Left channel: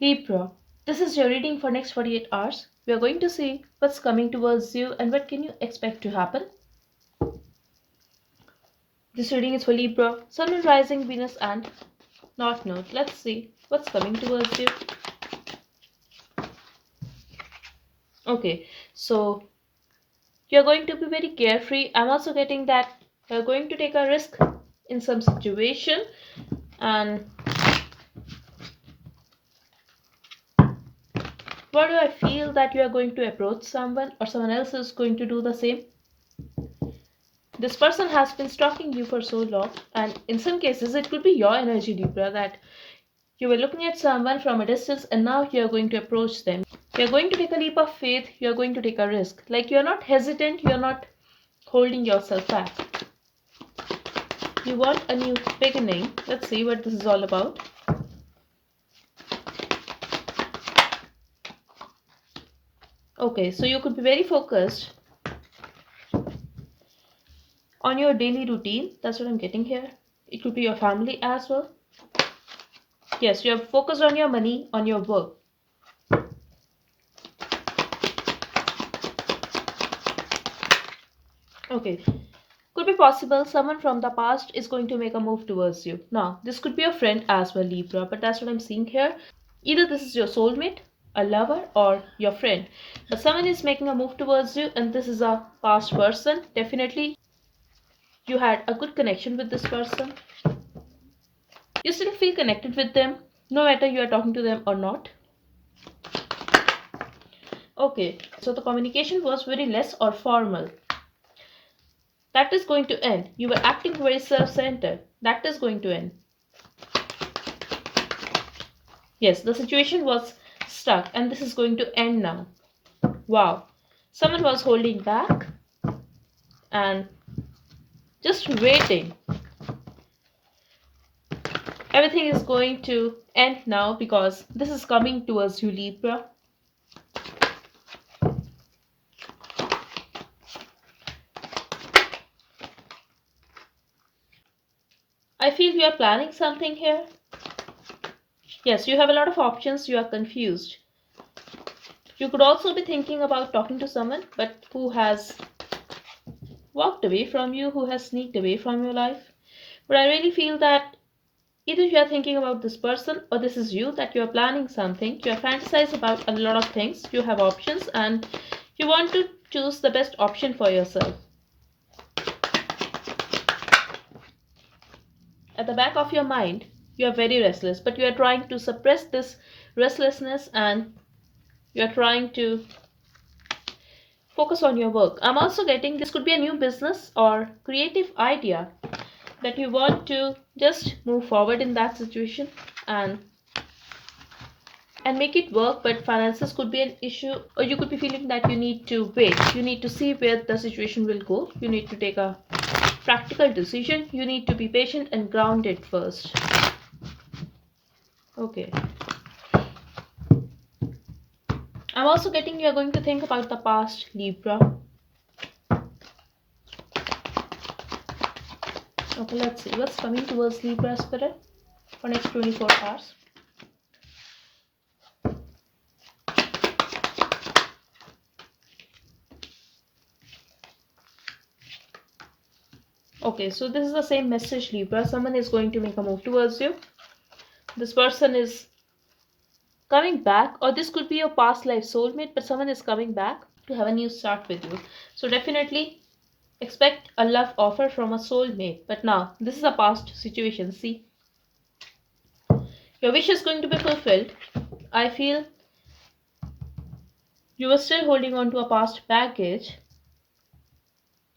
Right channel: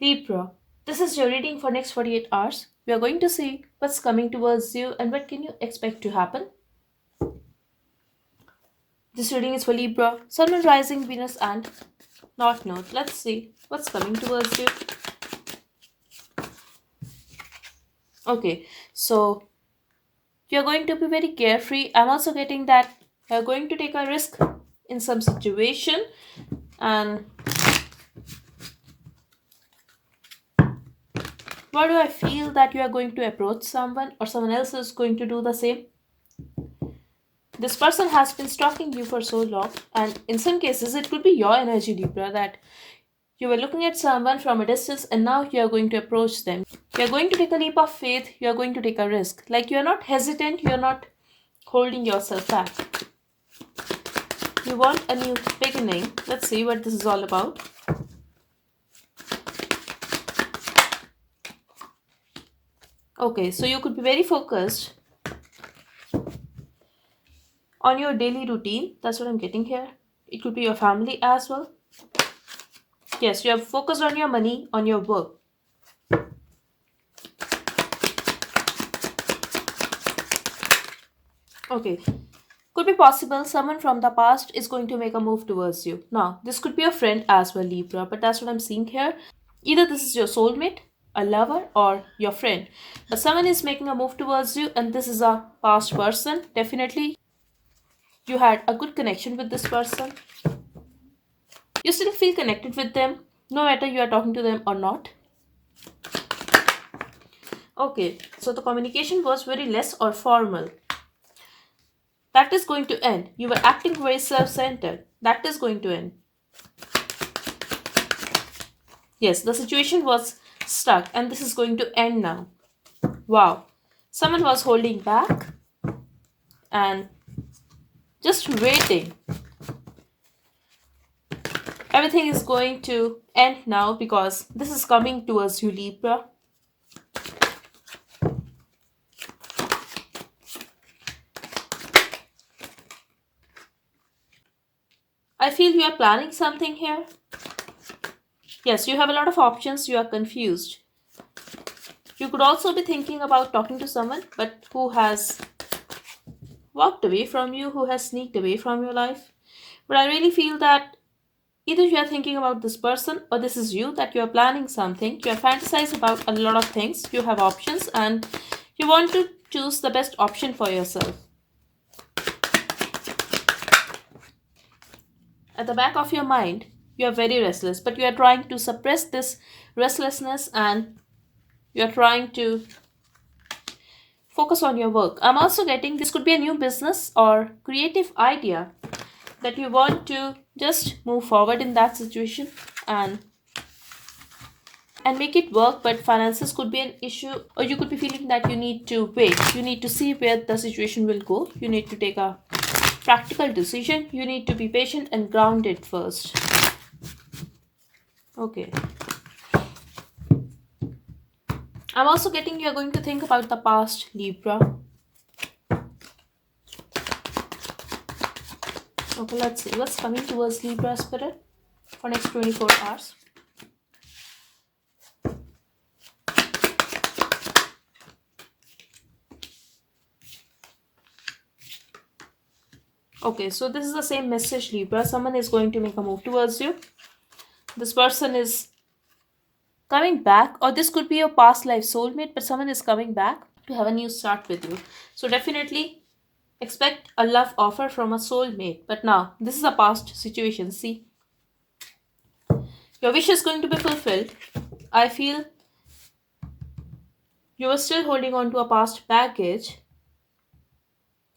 Libra, this is your reading for next 48 hours. We are going to see what's coming towards you and what can you expect to happen. This reading is for Libra, Sun, Moon, Rising, Venus and North Node. Let's see what's coming towards you. Okay, so you're going to be very carefree. I'm also getting that you're going to take a risk in some situation, and why do I feel that you are going to approach someone or someone else is going to do the same? This person has been stalking you for so long, and in some cases, it could be your energy, Libra, that you were looking at someone from a distance and now you are going to approach them. You are going to take a leap of faith, you are going to take a risk. Like you are not hesitant, you are not holding yourself back. You want a new beginning. Let's see what this is all about. Okay, so you could be very focused on your daily routine. That's what I'm getting here. It could be your family as well. Yes, you are focused on your money, on your work. Okay, could be possible someone from the past is going to make a move towards you. Now, this could be a friend as well, Libra, but that's what I'm seeing here. Either this is your soulmate, a lover, or your friend. But someone is making a move towards you, and this is a past person. Definitely, you had a good connection with this person. You still feel connected with them, no matter you are talking to them or not. Okay, so the communication was very less or formal. That is going to end. You were acting very self centered. That is going to end. Yes, the situation was stuck and this is going to end now. Wow. Someone was holding back and just waiting. Everything is going to end now because this is coming towards you, Libra. I feel you are planning something here. Yes, you have a lot of options, you are confused. You could also be thinking about talking to someone, but who has walked away from you, who has sneaked away from your life. But I really feel that either you are thinking about this person or this is you, that you are planning something. You are fantasize about a lot of things. You have options and you want to choose the best option for yourself. At the back of your mind, you are very restless, but you are trying to suppress this restlessness and you are trying to focus on your work. I'm also getting this could be a new business or creative idea that you want to just move forward in that situation and make it work, but finances could be an issue, or you could be feeling that you need to wait, you need to see where the situation will go, you need to take a practical decision, you need to be patient and grounded first. Okay, I'm also getting you're going to think about the past, Libra. Okay, let's see what's coming towards Libra spirit for next 24 hours. Okay, so this is the same message, Libra. Someone is going to make a move towards you. This person is coming back, or this could be your past life soulmate, but someone is coming back to have a new start with you. So definitely expect a love offer from a soulmate. But now, this is a past situation. See, your wish is going to be fulfilled. I feel you were still holding on to a past baggage,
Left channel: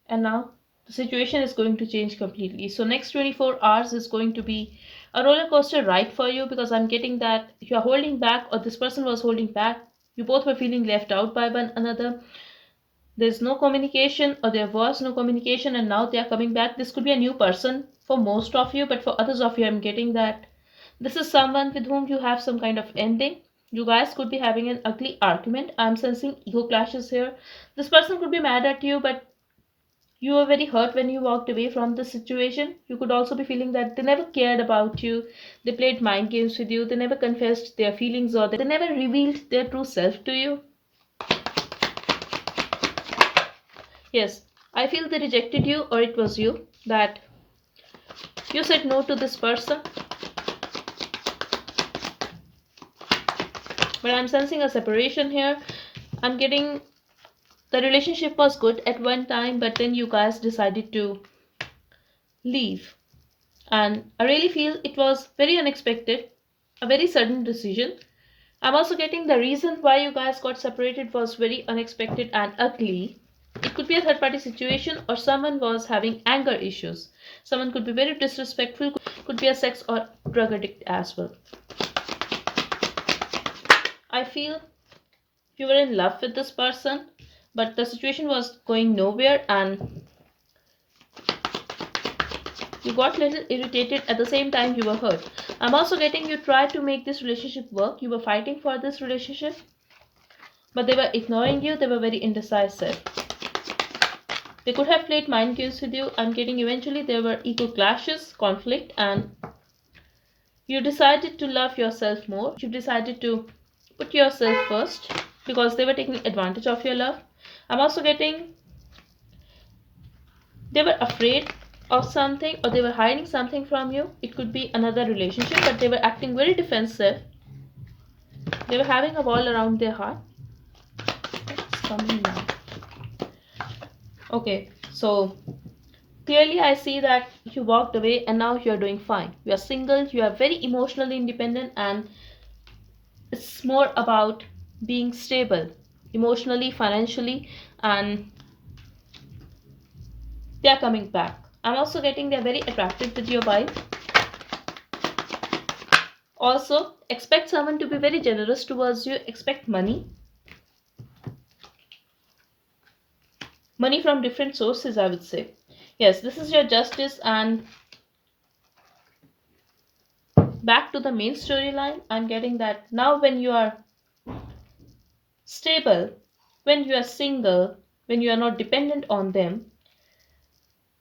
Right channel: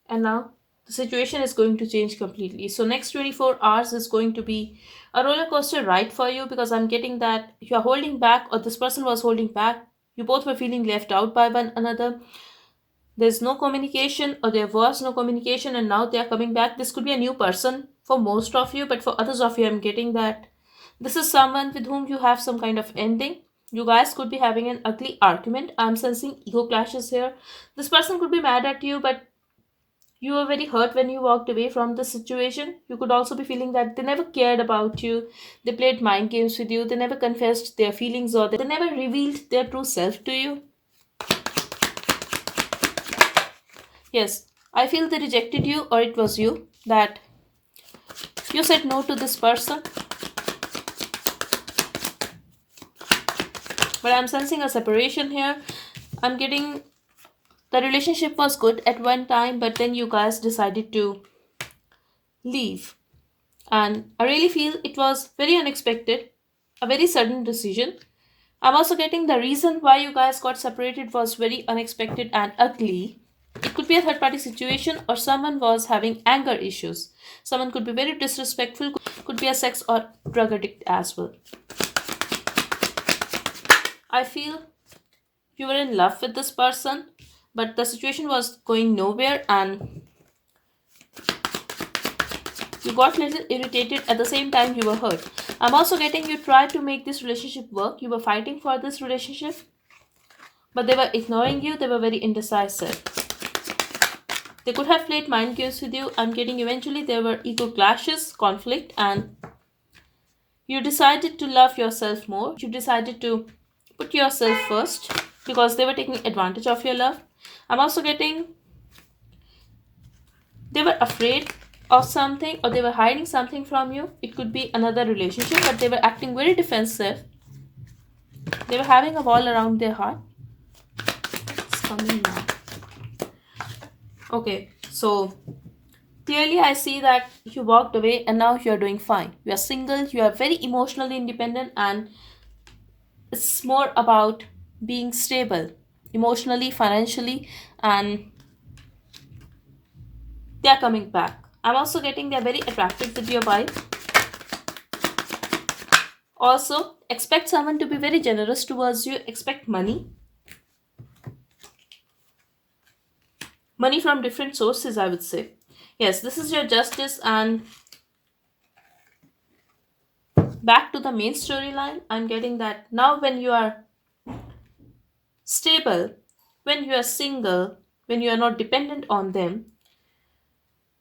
and now the situation is going to change completely. So next 24 hours is going to be a roller coaster ride for you, because I'm getting that you're holding back or this person was holding back. You both were feeling left out by one another. There's no communication, or there was no communication, and now they are coming back. This could be a new person for most of you, but for others of you, I'm getting that this is someone with whom you have some kind of ending. You guys could be having an ugly argument. I'm sensing ego clashes here. This person could be mad at you, but You were very hurt when you walked away from the situation. You could also be feeling that they never cared about you, they played mind games with you, they never confessed their feelings, or they never revealed their true self to you. Yes, I feel they rejected you, or it was you that you said no to this person. But I'm sensing a separation here. I'm getting the relationship was good at one time, but then you guys decided to leave. And I really feel it was very unexpected, a very sudden decision. I'm also getting the reason why you guys got separated was very unexpected and ugly. It could be a third party situation, or someone was having anger issues. Someone could be very disrespectful, could be a sex or drug addict as well. I feel you were in love with this person, but the situation was going nowhere and you got a little irritated. At the same time, you were hurt. I'm also getting you tried to make this relationship work. You were fighting for this relationship, but they were ignoring you. They were very indecisive. They could have played mind games with you. I'm getting eventually there were ego clashes, conflict, and you decided to love yourself more. You decided to put yourself first because they were taking advantage of your love. I'm also getting they were afraid of something, or they were hiding something from you. It could be another relationship, but they were acting very defensive. They were having a wall around their heart. It's coming now. Okay, so clearly I see that you walked away and now you're doing fine. You are single, you are very emotionally independent, and it's more about being stable emotionally, financially, and they are coming back. I'm also getting they're very attractive with your wife. Also, expect someone to be very generous towards you. Expect money from different sources, I would say. Yes, this is your justice, and back to the main storyline. I'm getting that now when you are stable, when you are single, when you are not dependent on them,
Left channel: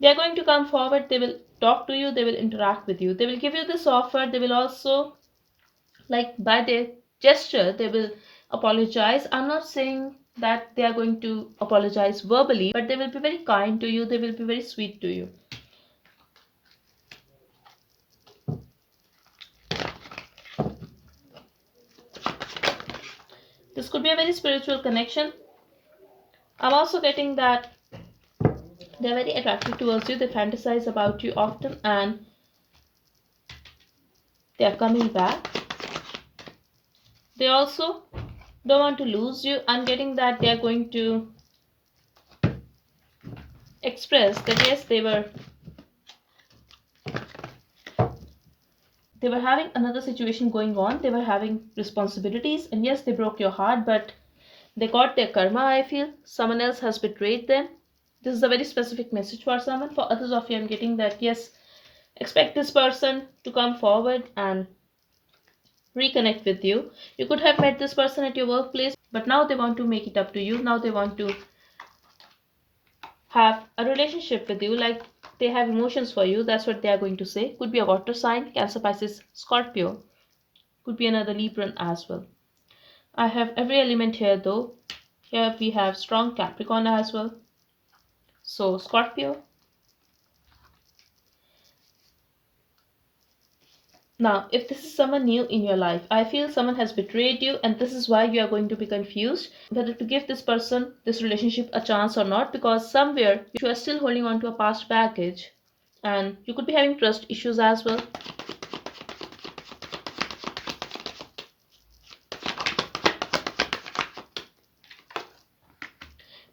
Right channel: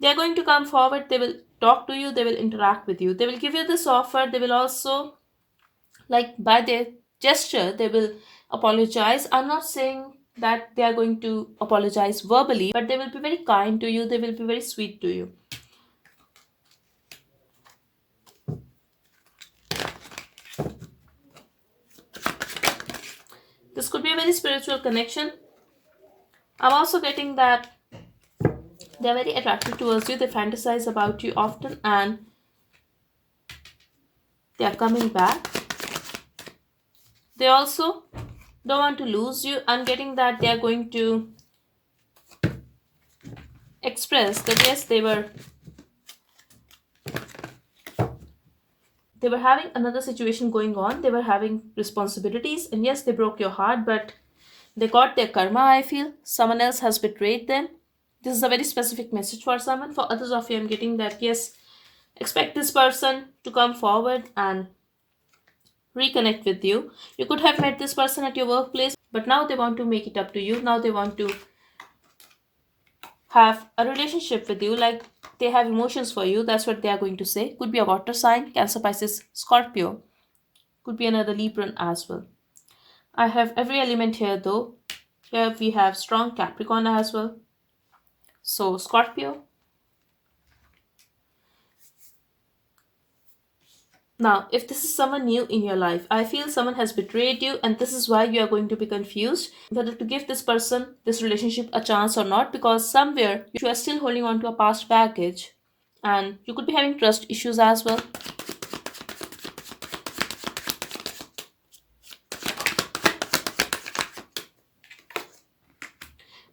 they are going to come forward. They will talk to you, they will interact with you, they will give you this offer. They will also, like, by their gesture, they will apologize. I'm not saying that they are going to apologize verbally, but they will be very kind to you, they will be very sweet to you. This could be a very spiritual connection. I'm also getting that they're very attractive towards you, they fantasize about you often, and they are coming back. They also don't want to lose you. I'm getting that they are going to express that yes, they were having another situation going on, they were having responsibilities, and yes, they broke your heart, but they got their karma. I feel someone else has betrayed them. This is a very specific message for someone. For others of you, I'm getting that yes, expect this person to come forward and reconnect with you. You could have met this person at your workplace, but now they want to make it up to you. Now they want to have a relationship with you, like they have emotions for you. That's what they are going to say. Could be a water sign, Cancer, Pisces, Scorpio. Could be another Libran as well. I have every element here though. Here we have strong Capricorn as well. So Scorpio. Now, if this is someone new in your life, I feel someone has betrayed you, and this is why you are going to be confused whether to give this person, this relationship, a chance or not, because somewhere you are still holding on to a past baggage, and you could be having trust issues as well.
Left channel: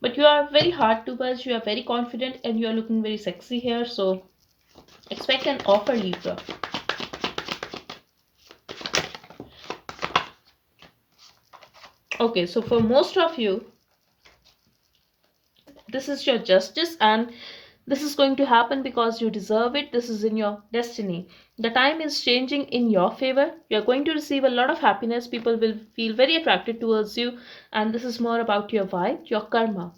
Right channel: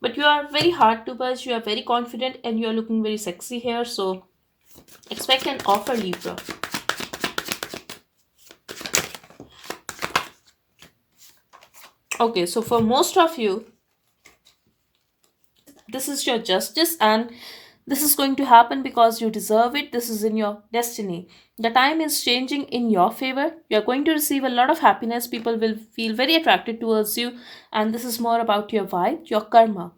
But you are very hard to buzz, you are very confident, and you are looking very sexy here, so expect an offer, Libra. Okay, so for most of you, this is your justice, and this is going to happen because you deserve it. This is in your destiny. The time is changing in your favor. You're going to receive a lot of happiness. People will feel very attracted towards you, and this is more about your vibe, your karma.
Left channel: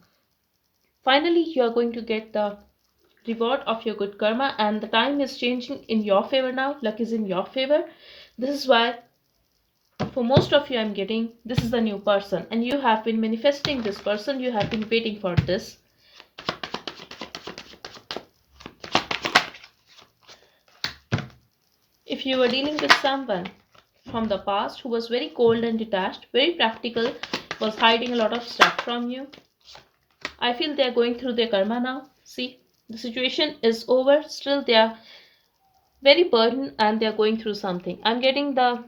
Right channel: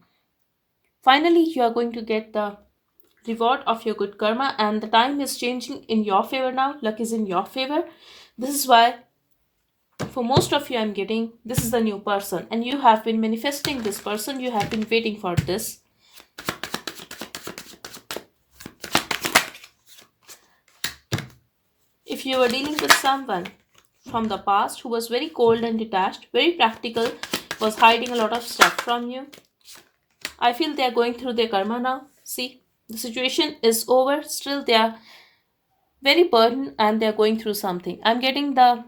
Finally, you are going to get the reward of your good karma, and the time is changing in your favor now. Luck is in your favor. This is why for most of you I'm getting this is the new person, and you have been manifesting this person, you have been waiting for this. If you were dealing with someone from the past who was very cold and detached, very practical, was hiding a lot of stuff from you, I feel they are going through their karma now. See, the situation is over, still they are very burdened and they are going through something. I'm getting the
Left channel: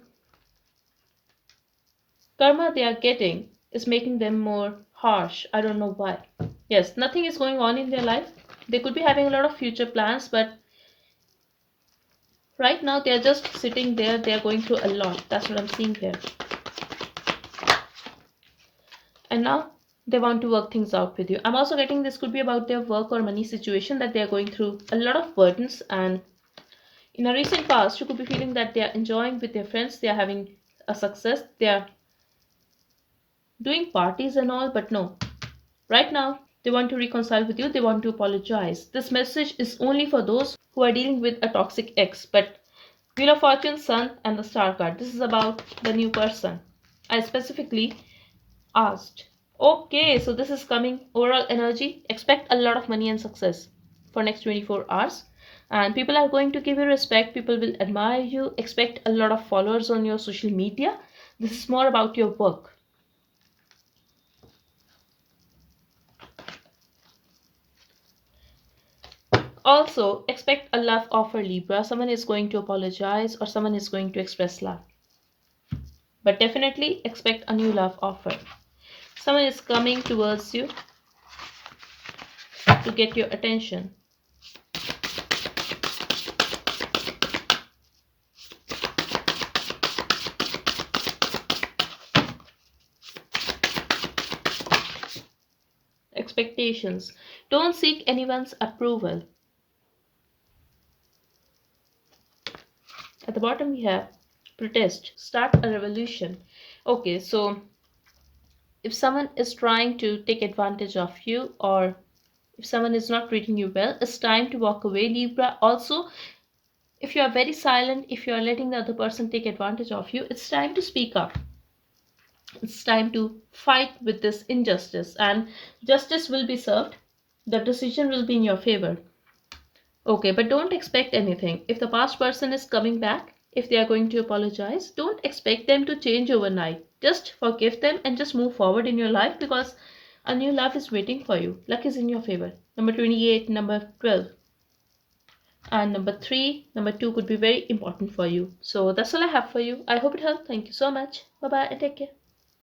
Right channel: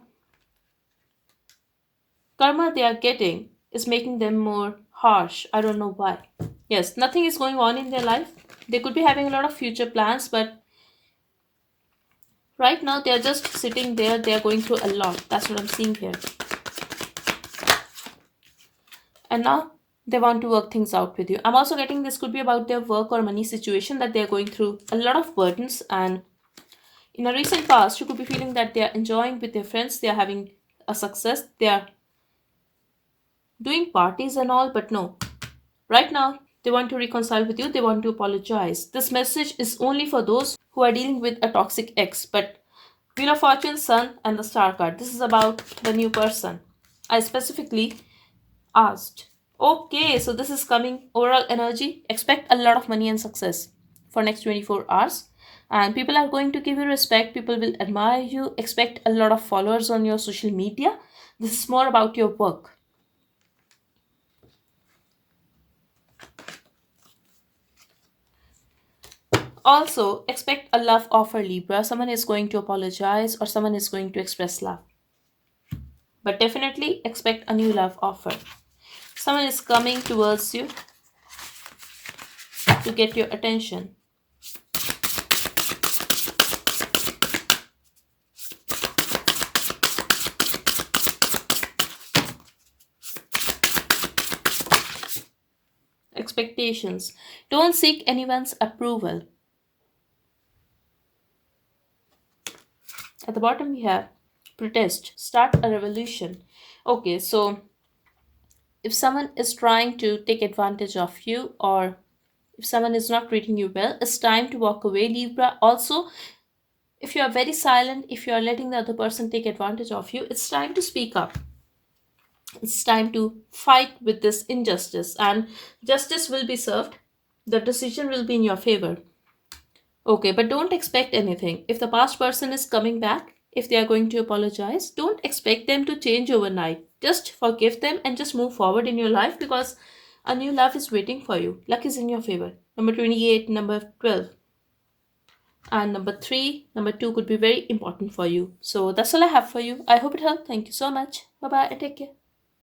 karma they are getting is making them more harsh. I don't know why. Yes, nothing is going on in their life. They could be having a lot of future plans, but right now they are just sitting there. They are going through a lot. That's what I'm seeing here. And now they want to work things out with you. I'm also getting this could be about their work or money situation, that they are going through a lot of burdens, and in a recent past you could be feeling that they are enjoying with their friends, they are having a success, they are doing parties and all, but no, right now they want to reconcile with you, they want to apologize. This message is only for those who are dealing with a toxic ex. But Wheel of Fortune, Sun, and the Star card, this is about the new person. I specifically asked. Okay, so this is coming overall energy. Expect a lot of money and success for next 24 hours. And people are going to give you respect. People will admire you. Expect a lot of followers on your social media. This is more about your work. Also, expect a love offer, Libra. Someone is going to apologize or someone is going to express love. But definitely expect a new love offer. Someone is coming towards you to get your attention. Expectations. Don't seek anyone's approval. At the bottom, we have protest, start a revolution. Okay, so if someone is trying to take advantage of you, or if someone is not treating you well, it's time to walk away, Libra. Also, if you are very silent, if you are letting the other person take advantage of you, it's time to speak up. It's time to fight with this injustice, and justice will be served. The decision will be in your favor. Okay, but don't expect anything. If the past person is coming back, if they are going to apologize, don't expect them to change overnight. Just forgive them and just move forward in your life, because a new love is waiting for you. Luck is in your favor. Number 28, number 12, and number 3, number 2 could be very important for you. So that's all I have for you. I hope it helped. Thank you so much. Bye bye and take care.